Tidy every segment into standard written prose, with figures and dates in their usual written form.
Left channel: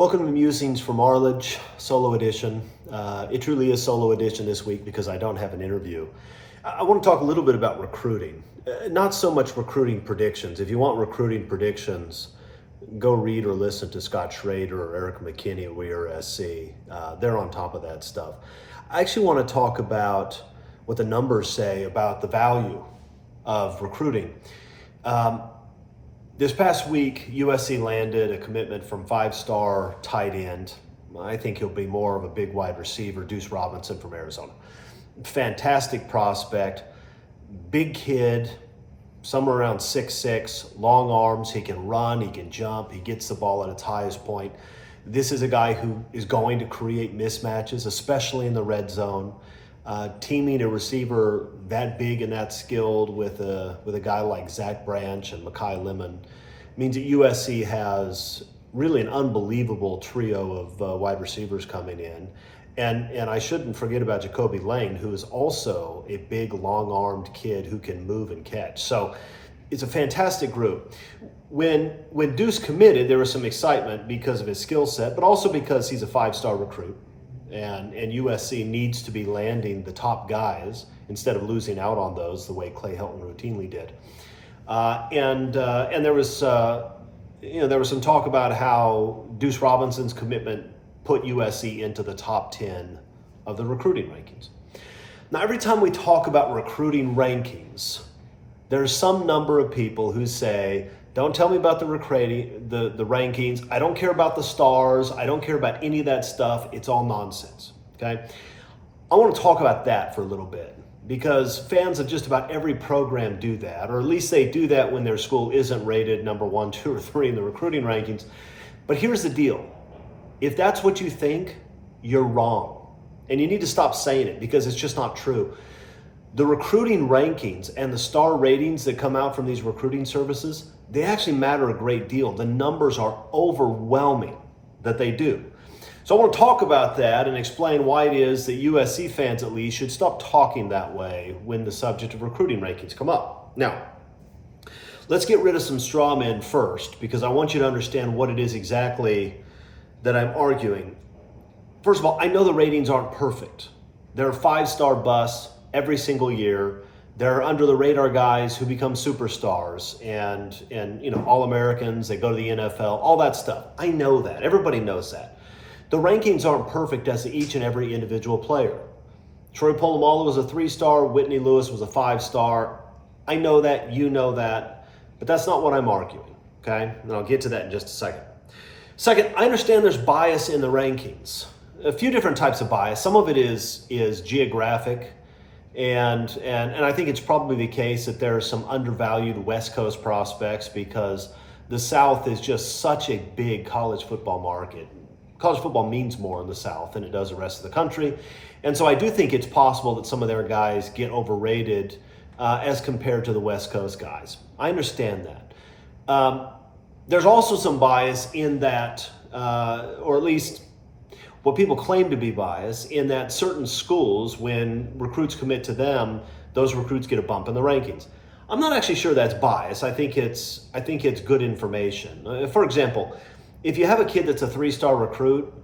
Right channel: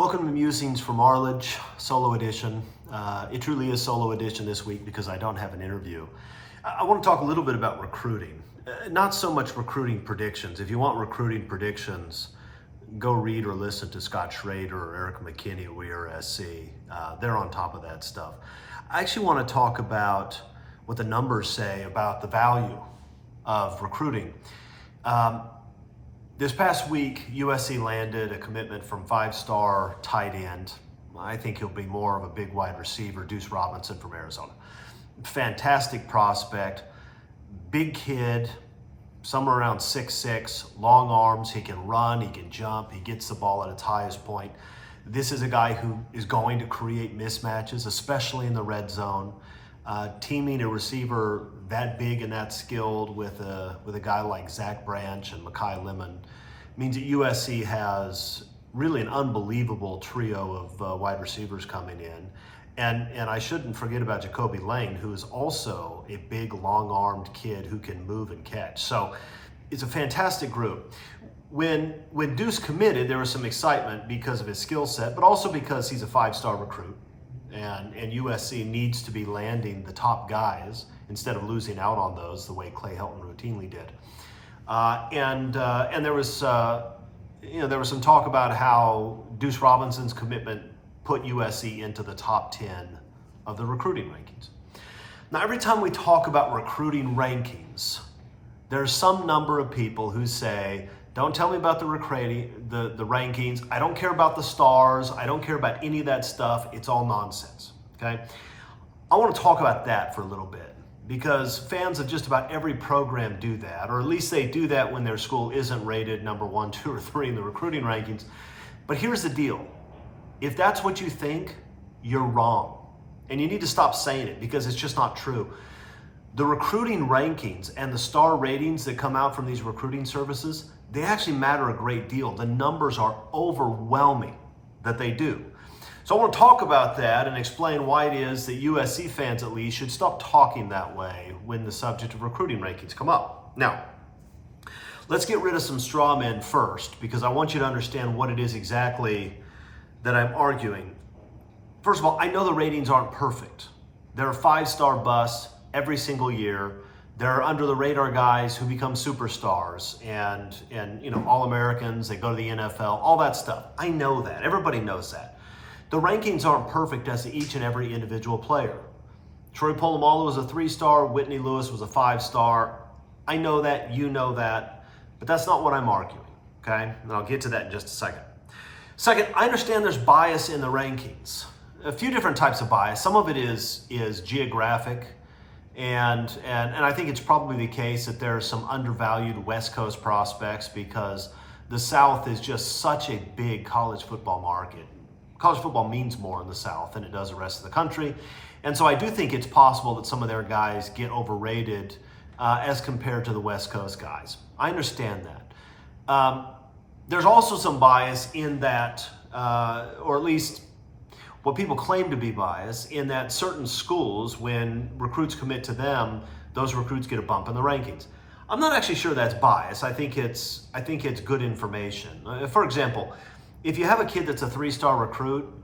Welcome to Musings from Arledge, solo edition. It truly is solo edition this week because I don't have an interview. I want to talk a little bit about recruiting. Not so much recruiting predictions. If you want recruiting predictions, go read or listen to Scott Schrader or Eric McKinney at WeAreSC. They're on top of that stuff. I actually want to talk about what the numbers say about the value of recruiting. This past week, USC landed a commitment from five-star tight end. I think he'll be more of a big wide receiver, Deuce Robinson from Arizona. Fantastic prospect, big kid, somewhere around 6'6", long arms, he can run, he can jump, he gets the ball at its highest point. This is a guy who is going to create mismatches, especially in the red zone. Teaming a receiver that big and that skilled with a guy like Zach Branch and Mekhi Lemon means that USC has really an unbelievable trio of wide receivers coming in. And I shouldn't forget about Jacoby Lane, who is also a big, long-armed kid who can move and catch. So it's a fantastic group. When Deuce committed, there was some excitement because of his skill set, but also because he's a five-star recruit. And USC needs to be landing the top guys instead of losing out on those the way Clay Helton routinely did. And there was some talk about how Deuce Robinson's commitment put USC into the top 10 of the recruiting rankings. Now, every time we talk about recruiting rankings, there's some number of people who say, don't tell me about the rankings. I don't care about the stars. I don't care about any of that stuff. It's all nonsense, okay? I want to talk about that for a little bit because fans of just about every program do that, or at least they do that when their school isn't rated number 1, 2, or 3 in the recruiting rankings. But here's the deal. If that's what you think, you're wrong. And you need to stop saying it because it's just not true. The recruiting rankings and the star ratings that come out from these recruiting services, they actually matter a great deal. The numbers are overwhelming that they do. So I want to talk about that and explain why it is that USC fans at least should stop talking that way when the subject of recruiting rankings come up. Now, let's get rid of some straw men first because I want you to understand what it is exactly that I'm arguing. First of all, I know the ratings aren't perfect. There are five-star busts every single year. There are under the radar guys who become superstars and All-Americans, they go to the NFL, all that stuff. I know that. Everybody knows that. The rankings aren't perfect as to each and every individual player. Troy Polamalu was a 3-star, Whitney Lewis was a 5-star. I know that, you know that, but that's not what I'm arguing, okay? And I'll get to that in just a second. Second, I understand there's bias in the rankings. A few different types of bias. Some of it is geographic. And I think it's probably the case that there are some undervalued West Coast prospects because the South is just such a big college football market. College football means more in the South than it does the rest of the country. And so I do think it's possible that some of their guys get overrated as compared to the West Coast guys. I understand that. There's also some bias in that, or at least what people claim to be bias in that certain schools, when recruits commit to them, those recruits get a bump in the rankings. I'm not actually sure that's bias. I think it's good information. For example, if you have a kid that's a 3-star recruit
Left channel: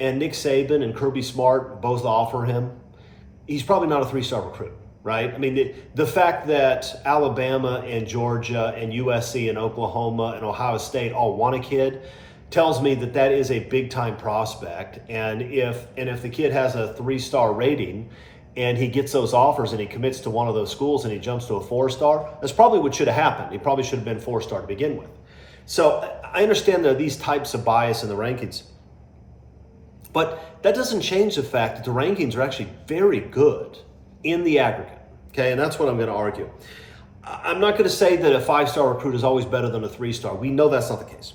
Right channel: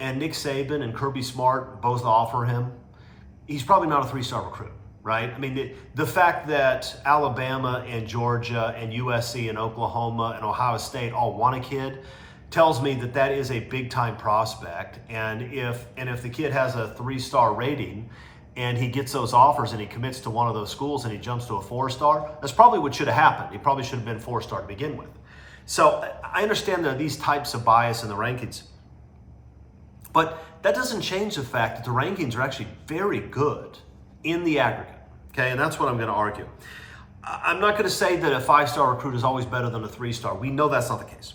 and Nick Saban and Kirby Smart both offer him, he's probably not a 3-star recruit, right? I mean, the fact that Alabama and Georgia and USC and Oklahoma and Ohio State all want a kid tells me that that is a big-time prospect, and if the kid has a 3-star rating and he gets those offers and he commits to one of those schools and he jumps to a 4-star, that's probably what should have happened. He probably should have been 4-star to begin with. So I understand there are these types of bias in the rankings, but that doesn't change the fact that the rankings are actually very good in the aggregate, okay? And that's what I'm going to argue. I'm not going to say that a 5-star recruit is always better than a 3-star. We know that's not the case.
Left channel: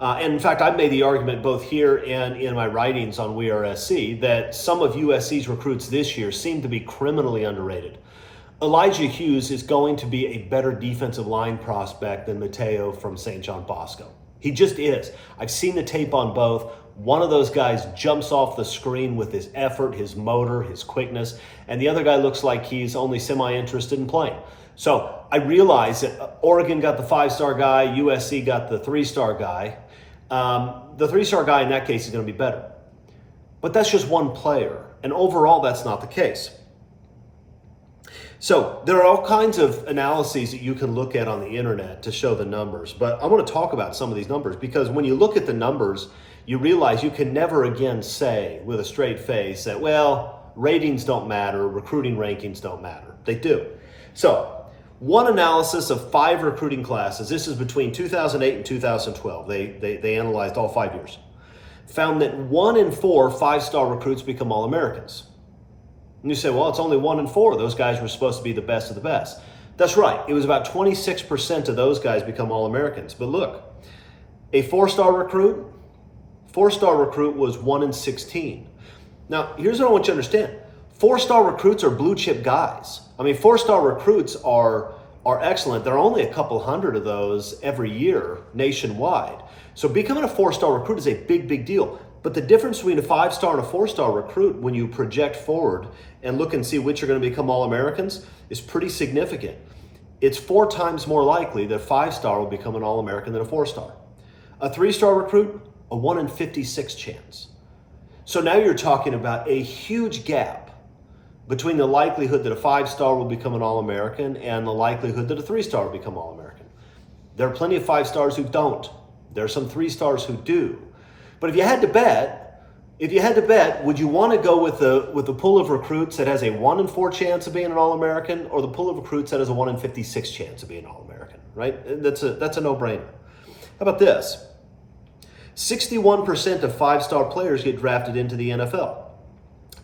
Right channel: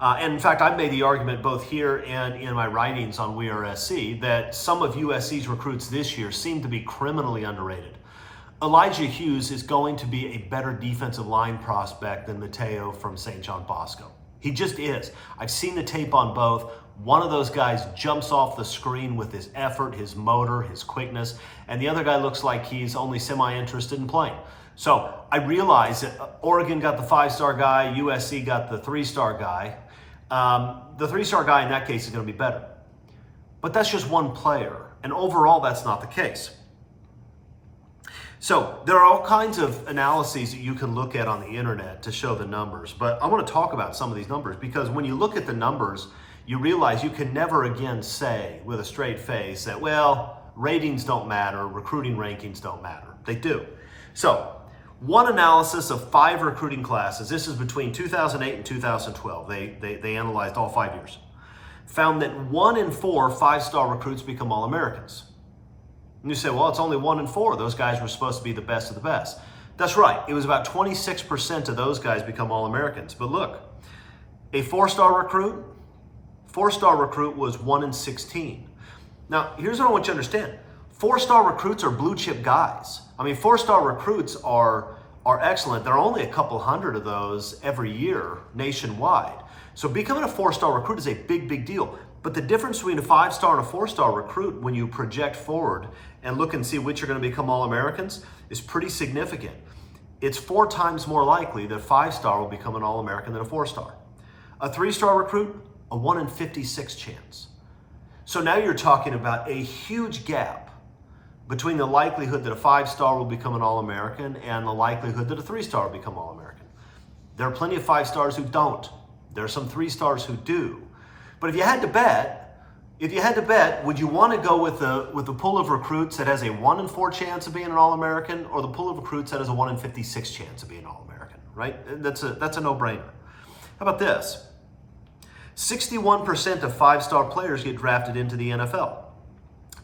And in fact, I've made the argument both here and in my writings on WeAreSC that some of USC's recruits this year seem to be criminally underrated. Elijah Hughes is going to be a better defensive line prospect than Mateo from St. John Bosco. He just is. I've seen the tape on both. One of those guys jumps off the screen with his effort, his motor, his quickness, and the other guy looks like he's only semi-interested in playing. So I realize that Oregon got the 5-star guy, USC got the 3-star guy. the 3-star guy in that case is going to be better. But that's just one player, and overall that's not the case. So there are all kinds of analyses that you can look at on the internet to show the numbers, but I want to talk about some of these numbers because when you look at the numbers, you realize you can never again say with a straight face that, well, ratings don't matter, recruiting rankings don't matter. They do. So one analysis of 5 recruiting classes, this is between 2008 and 2012, they analyzed all 5 years, found that 1 in 4 5-star recruits become All-Americans. And you say, well, it's only 1 in 4. Those guys were supposed to be the best of the best. That's right. It was about 26% of those guys become All-Americans. But look, a 4-star recruit was 1 in 16. Now, here's what I want you to understand. 4-star recruits are blue chip guys. I mean, 4-star recruits are excellent. There are only a couple hundred of those every year nationwide. So becoming a 4-star recruit is a big, big deal. But the difference between a 5-star and a 4-star recruit when you project forward and look and see which are going to become All-Americans is pretty significant. It's 4 times more likely that 5-star will become an All-American than a 4-star. A 3-star recruit, a 1 in 56 chance. So now you're talking about a huge gap between the likelihood that a 5-star will become an All-American and the likelihood that a 3-star will become All-American. There are plenty of 5-stars who don't. There are some 3-stars who do. But if you had to bet, would you want to go with the pool of recruits that has a 1 in 4 chance of being an All-American, or the pool of recruits that has a 1 in 56 chance of being an All-American, right? That's a no-brainer. How about this? 61% of 5-star players get drafted into the NFL.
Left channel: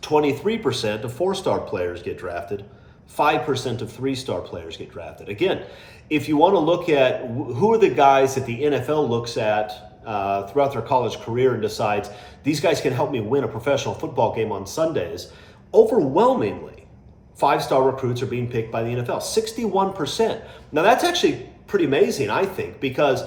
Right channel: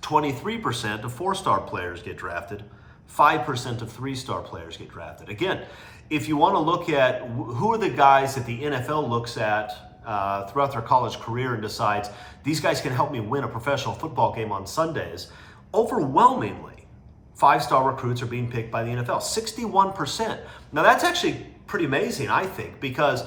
23% of 4-star players get drafted. 5% of 3-star players get drafted. Again, if you want to look at who are the guys that the NFL looks at throughout their college career and decides these guys can help me win a professional football game on Sundays, overwhelmingly 5-star recruits are being picked by the NFL, 61%. Now that's actually pretty amazing, I think, because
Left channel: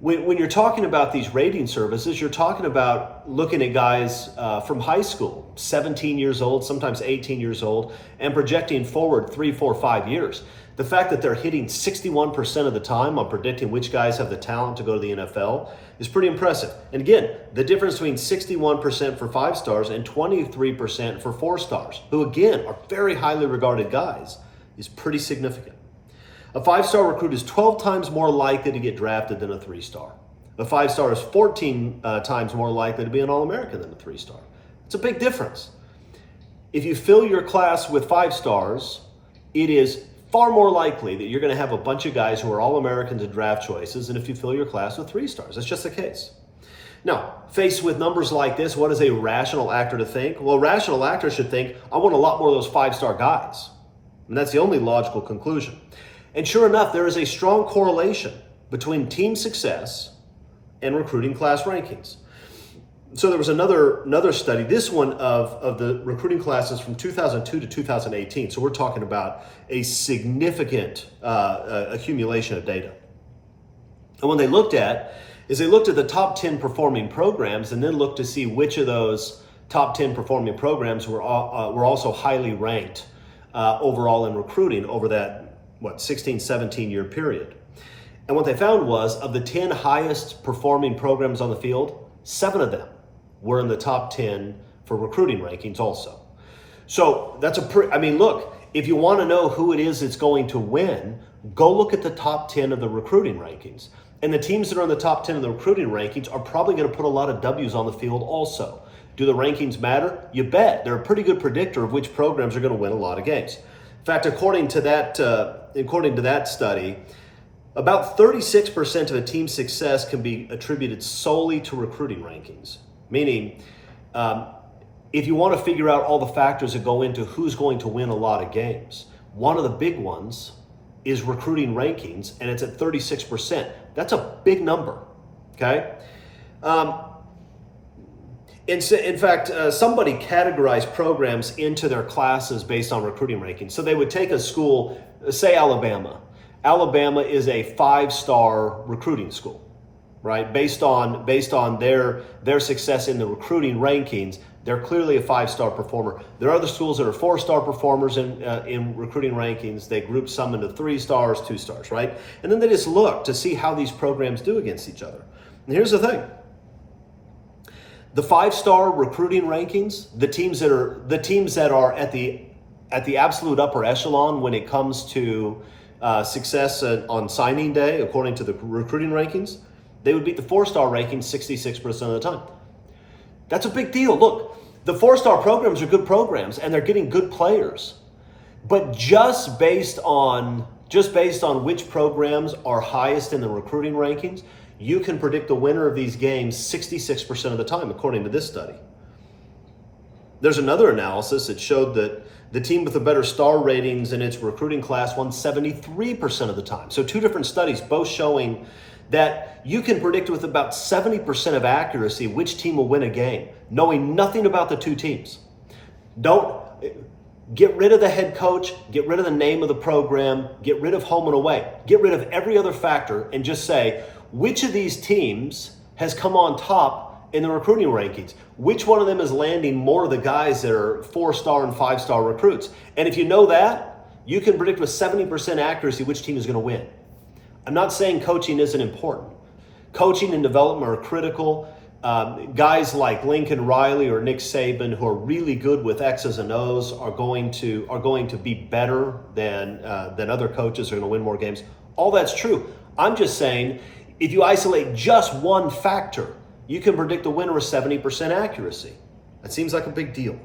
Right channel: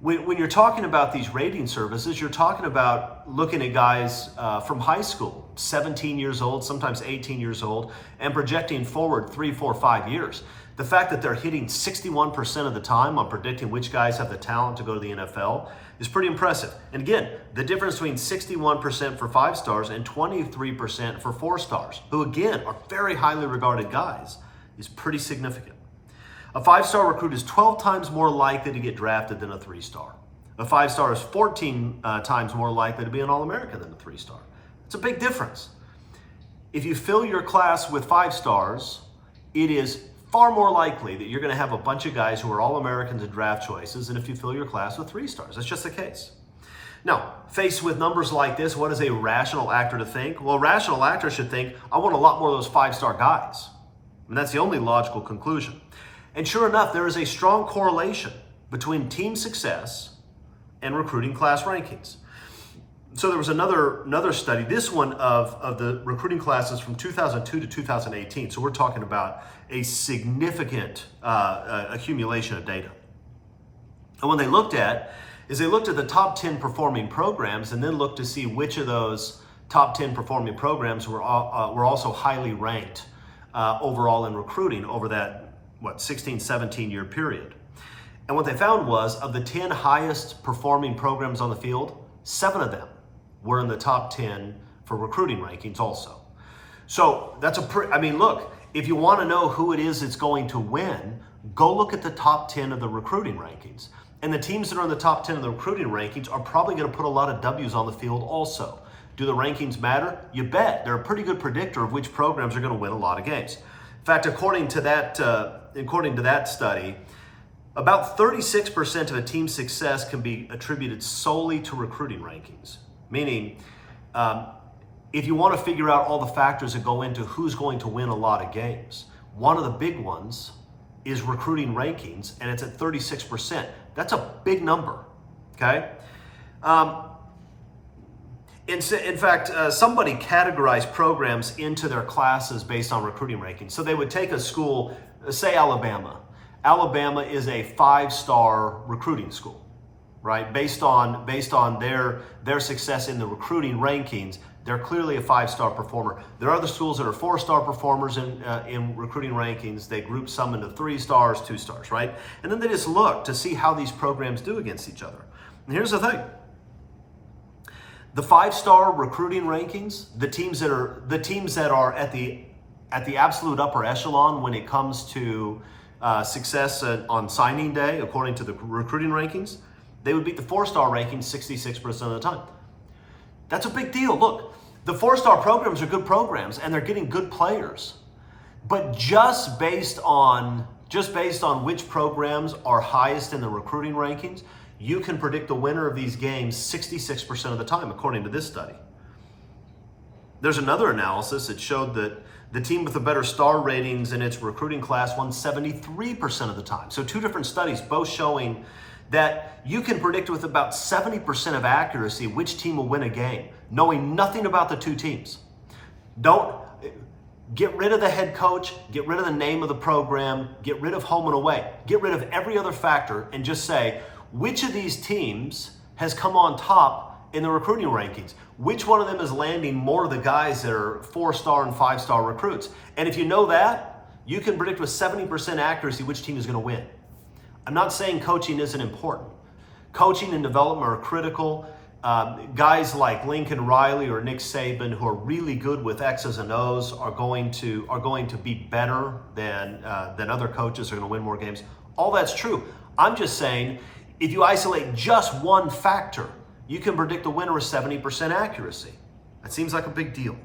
when you're talking about these rating services, you're talking about looking at guys from high school, 17 years old, sometimes 18 years old, and projecting forward 3, 4, 5 years. The fact that they're hitting 61% of the time on predicting which guys have the talent to go to the NFL is pretty impressive. And again, the difference between 61% for 5-stars and 23% for 4-stars, who again are very highly regarded guys, is pretty significant. A 5-star recruit is 12 times more likely to get drafted than a 3-star. A 5-star is 14 times more likely to be an All-American than a 3-star. It's a big difference. If you fill your class with 5-stars, it is far more likely that you're going to have a bunch of guys who are All-Americans and draft choices than if you fill your class with 3-stars. That's just the case. Now, faced with numbers like this, what is a rational actor to think? Well, a rational actor should think, I want a lot more of those 5-star guys. And that's the only logical conclusion. And sure enough, there is a strong correlation between team success and recruiting class rankings. So there was another study, this one of the recruiting classes from 2002 to 2018. So we're talking about a significant accumulation of data. And what they looked at is they looked at the top 10 performing programs and then looked to see which of those top 10 performing programs were also highly ranked overall in recruiting over that 16, 17 year period. And what they found was of the 10 highest performing programs on the field, 7 of them were in the top 10 for recruiting rankings also. So that's look, if you want to know who it is that's going to win, go look at the top 10 of the recruiting rankings. And the teams that are in the top 10 of the recruiting rankings are probably going to put a lot of W's on the field also. Do the rankings matter? You bet. They're a pretty good predictor of which programs are going to win a lot of games. In fact, according to that study, about 36% of a team's success can be attributed solely to recruiting rankings. Meaning, if you want to figure out all the factors that go into who's going to win a lot of games, one of the big ones is recruiting rankings, and it's at 36%. That's a big number, okay? In fact, somebody categorized programs into their classes based on recruiting rankings. So they would take a school, say Alabama. Alabama is a 5-star recruiting school, right? Based on their success in the recruiting rankings, they're clearly a 5-star performer. There are other schools that are 4-star performers in recruiting rankings. They group some into 3 stars, 2 stars, right? And then they just look to see how these programs do against each other. And here's the thing. The 5-star recruiting rankings, the teams that are at the absolute upper echelon when it comes to success on signing day, according to the recruiting rankings, they would beat the 4-star rankings 66% of the time. That's a big deal. Look, the 4-star programs are good programs and they're getting good players. But just based on which programs are highest in the recruiting rankings, you can predict the winner of these games 66% of the time, according to this study. There's another analysis that showed that the team with the better star ratings in its recruiting class won 73% of the time. So 2 different studies, both showing that you can predict with about 70% of accuracy which team will win a game, knowing nothing about the 2 teams. Don't get rid of the head coach, get rid of the name of the program, get rid of home and away, get rid of every other factor, and just say, which of these teams has come on top in the recruiting rankings? Which one of them is landing more of the guys that are 4-star and 5-star recruits? And if you know that, you can predict with 70% accuracy which team is going to win. I'm not saying coaching isn't important. Coaching and development are critical. Guys like Lincoln Riley or Nick Saban, who are really good with X's and O's, are going to be better than other coaches, are going to win more games. All that's true. I'm just saying, if you isolate just one factor, you can predict the winner with 70% accuracy. That seems like a big deal.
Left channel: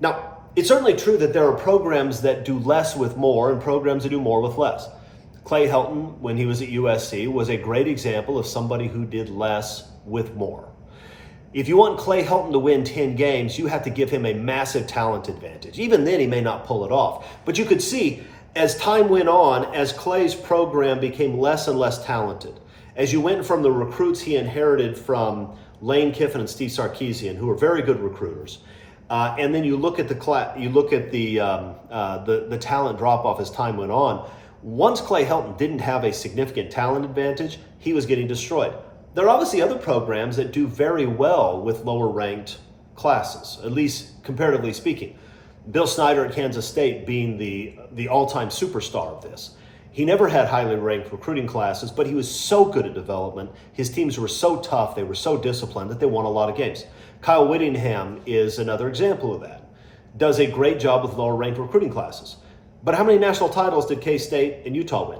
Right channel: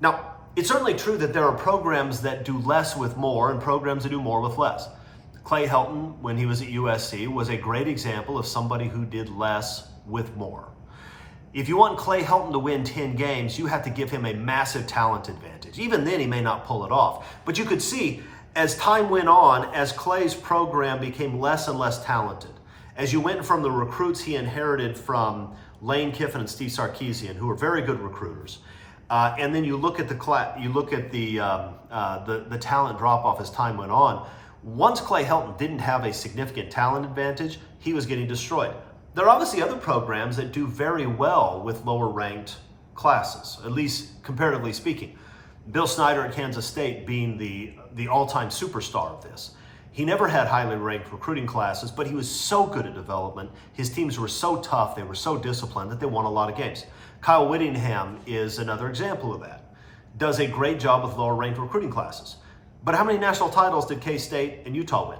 Now, it's certainly true that there are programs that do less with more and programs that do more with less. Clay Helton, when he was at USC, was a great example of somebody who did less with more. If you want Clay Helton to win 10 games, you have to give him a massive talent advantage. Even then, he may not pull it off. But you could see, as time went on, as Clay's program became less and less talented, as you went from the recruits he inherited from Lane Kiffin and Steve Sarkisian, who are very good recruiters, and then you look at the talent drop off as time went on. Once Clay Helton didn't have a significant talent advantage, he was getting destroyed. There are obviously other programs that do very well with lower ranked classes, at least comparatively speaking. Bill Snyder at Kansas State being the all-time superstar of this. He never had highly ranked recruiting classes, but he was so good at development. His teams were so tough, they were so disciplined that they won a lot of games. Kyle Whittingham is another example of that. Does a great job with lower ranked recruiting classes. But how many national titles did K-State and Utah win?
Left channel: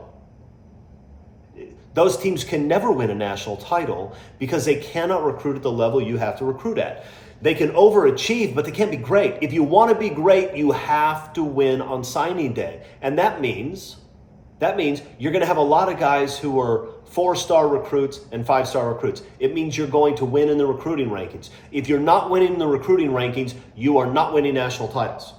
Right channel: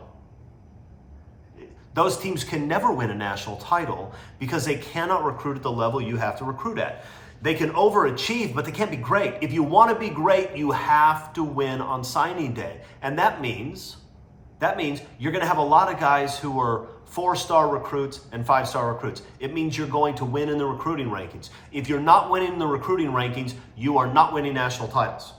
Those teams can never win a national title because they cannot recruit at the level you have to recruit at. They can overachieve, but they can't be great. If you want to be great, you have to win on signing day. And that means you're going to have a lot of guys who are 4-star recruits and 5-star recruits. It means you're going to win in the recruiting rankings. If you're not winning in the recruiting rankings, you are not winning national titles.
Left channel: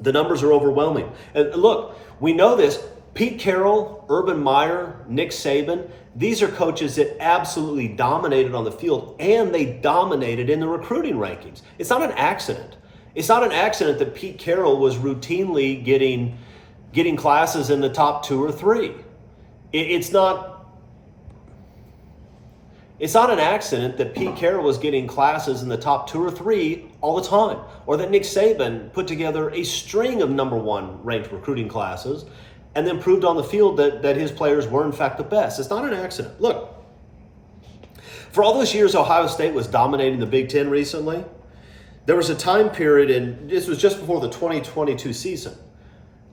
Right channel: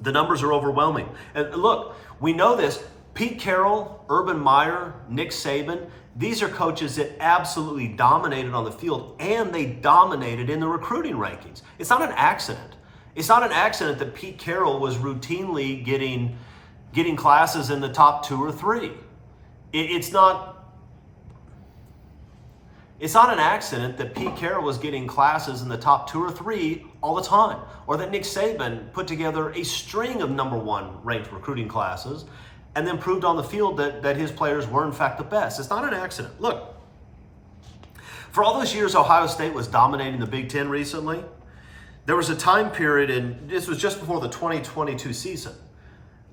The numbers are overwhelming. And look, we know this. Pete Carroll, Urban Meyer, Nick Saban, these are coaches that absolutely dominated on the field, and they dominated in the recruiting rankings. It's not an accident. It's not an accident that Pete Carroll was routinely getting classes in the top 2 or 3. It's not an accident that Pete Carroll was getting classes in the top 2 or 3 all the time, or that Nick Saban put together a string of number 1 ranked recruiting classes and then proved on the field that his players were in fact the best. It's not an accident. Look, for all those years Ohio State was dominating the Big Ten recently, there was a time period, and this was just before the 2022 season,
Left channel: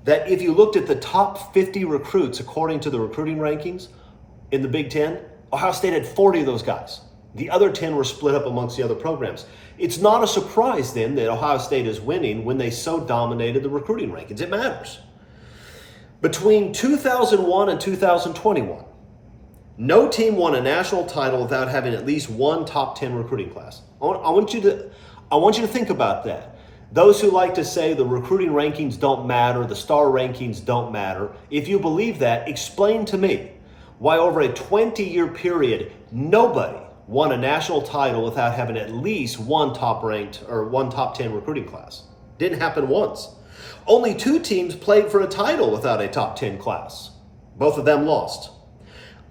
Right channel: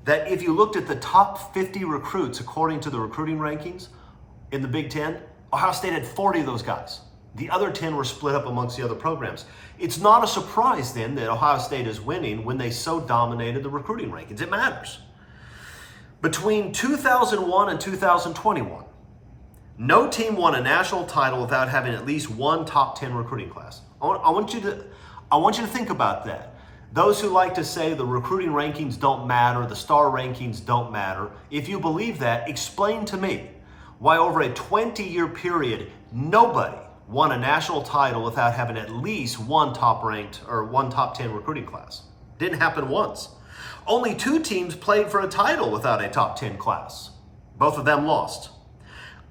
that if you looked at the top 50 recruits according to the recruiting rankings in the Big Ten, Ohio State had 40 of those guys. The other 10 were split up amongst the other programs. It's not a surprise then that Ohio State is winning when they so dominated the recruiting rankings. It matters. Between 2001 and 2021, no team won a national title without having at least one top 10 recruiting class. I want you to think about that. Those who like to say the recruiting rankings don't matter, the star rankings don't matter, if you believe that, explain to me why over a 20-year period, nobody won a national title without having at least one top 10 recruiting class. Didn't happen once. Only 2 teams played for a title without a top 10 class. Both of them lost.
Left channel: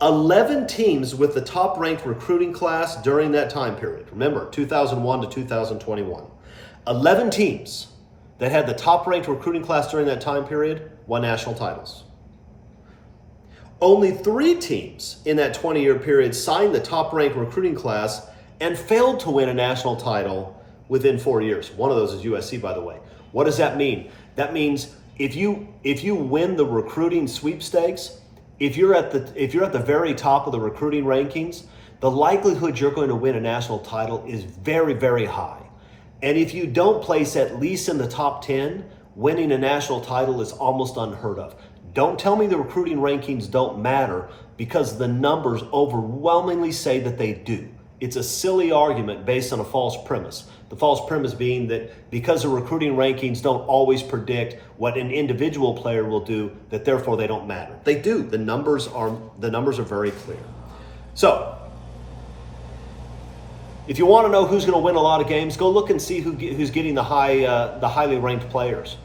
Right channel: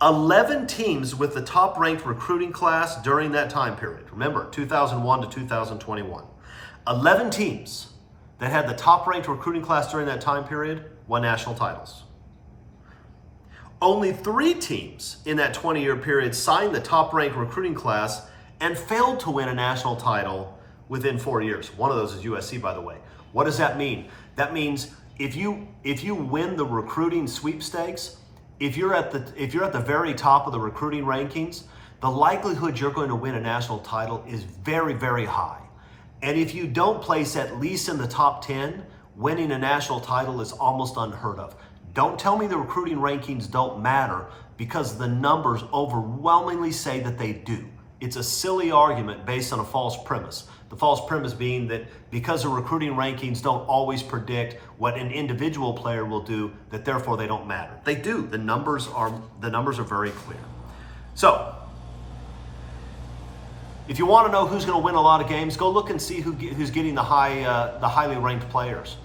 11 teams with the top ranked recruiting class during that time period. Remember, 2001 to 2021. 11 teams that had the top ranked recruiting class during that time period won national titles. Only 3 teams in that 20-year period signed the top ranked recruiting class and failed to win a national title within 4 years. One of those is USC, by the way. What does that mean? That means if you win the recruiting sweepstakes, if you're at the very top of the recruiting rankings, the likelihood you're going to win a national title is very, very high. And if you don't place at least in the top 10, winning a national title is almost unheard of. Don't tell me the recruiting rankings don't matter, because the numbers overwhelmingly say that they do. It's a silly argument based on a false premise. The false premise being that because the recruiting rankings don't always predict what an individual player will do, that therefore they don't matter. They do. The numbers are very clear. So, if you want to know who's going to win a lot of games, go look and see who's getting the highly ranked players.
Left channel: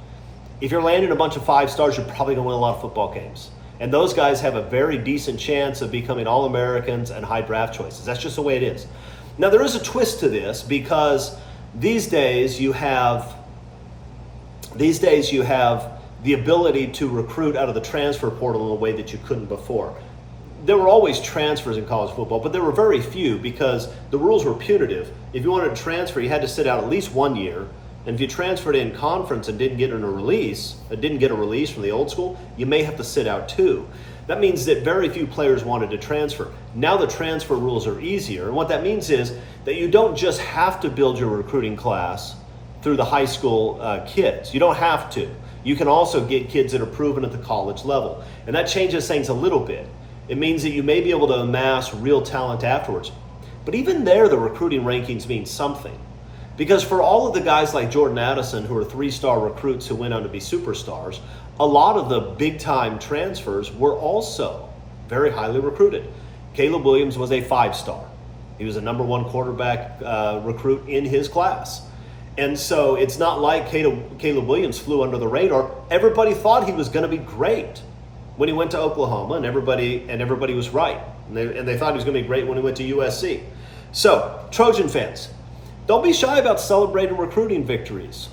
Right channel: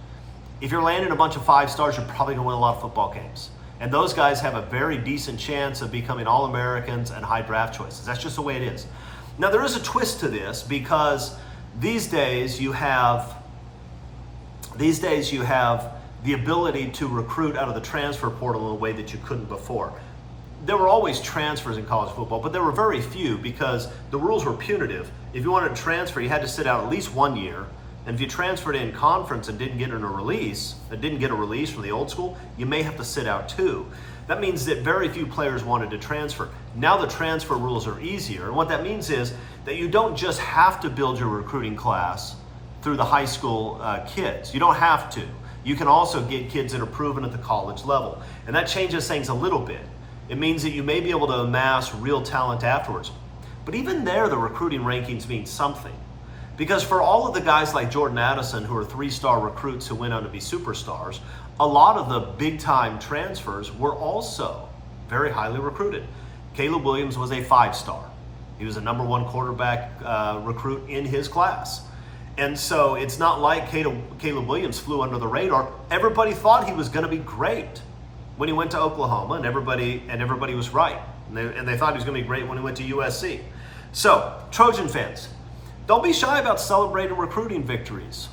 If you're landing a bunch of 5 stars, you're probably going to win a lot of football games. And those guys have a very decent chance of becoming All-Americans and high draft choices. That's just the way it is. Now, there is a twist to this, because these days you have the ability to recruit out of the transfer portal in a way that you couldn't before. There were always transfers in college football, but there were very few because the rules were punitive. If you wanted to transfer, you had to sit out at least 1 year. And if you transferred in conference and didn't get a release from the old school, you may have to sit out 2. That means that very few players wanted to transfer. Now the transfer rules are easier. And what that means is that you don't just have to build your recruiting class through the high school kids. You don't have to. You can also get kids that are proven at the college level. And that changes things a little bit. It means that you may be able to amass real talent afterwards. But even there, the recruiting rankings mean something. Because for all of the guys like Jordan Addison, who are 3-star recruits who went on to be superstars, a lot of the big-time transfers were also very highly recruited. Caleb Williams was a 5-star. He was a #1 quarterback recruit in his class. And so it's not like Caleb Williams flew under the radar. Everybody thought he was going to be great when he went to Oklahoma, and everybody was right. And they thought he was going to be great when he went to USC. So, Trojan fans, don't be shy about celebrating recruiting victories.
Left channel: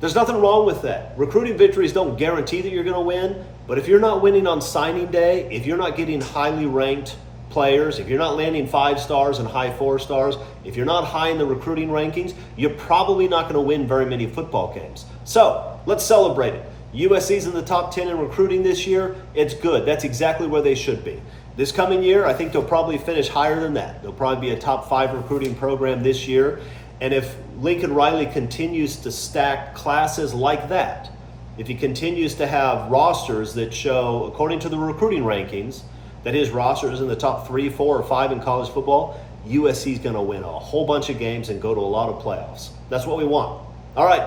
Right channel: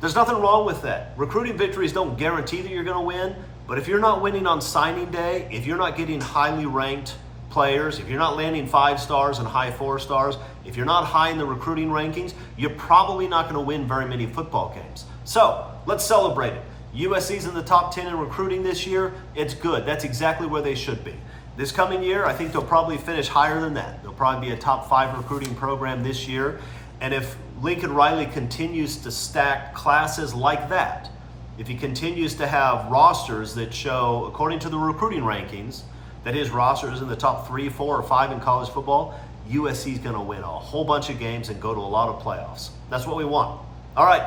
There's nothing wrong with that. Recruiting victories don't guarantee that you're going to win, but if you're not winning on signing day, if you're not getting highly ranked players, if you're not landing 5 stars and high 4 stars, if you're not high in the recruiting rankings, you're probably not going to win very many football games. So, let's celebrate it. USC's in the top 10 in recruiting this year. It's good. That's exactly where they should be. This coming year, I think they'll probably finish higher than that. They'll probably be a top 5 recruiting program this year. And if Lincoln Riley continues to stack classes like that, if he continues to have rosters that show, according to the recruiting rankings, that his roster is in the top 3, 4, or 5 in college football, USC's going to win a whole bunch of games and go to a lot of playoffs. That's what we want. All right.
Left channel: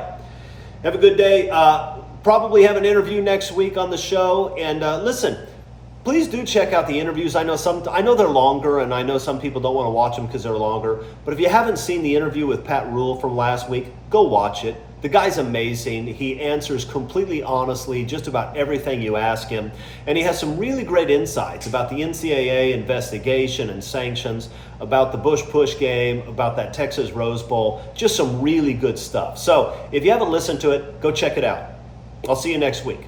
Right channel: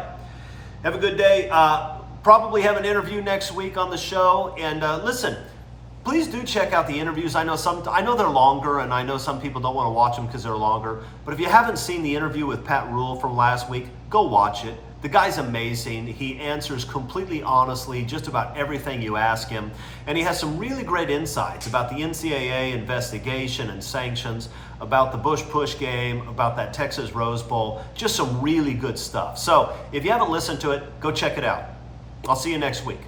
Have a good day. Probably have an interview next week on the show. And listen, please do check out the interviews. I know they're longer, and I know some people don't want to watch them because they're longer. But if you haven't seen the interview with Pat Rule from last week, go watch it. The guy's amazing. He answers completely honestly just about everything you ask him. And he has some really great insights about the NCAA investigation and sanctions, about the Bush-Push game, about that Texas Rose Bowl. Just some really good stuff. So if you haven't listened to it, go check it out. I'll see you next week.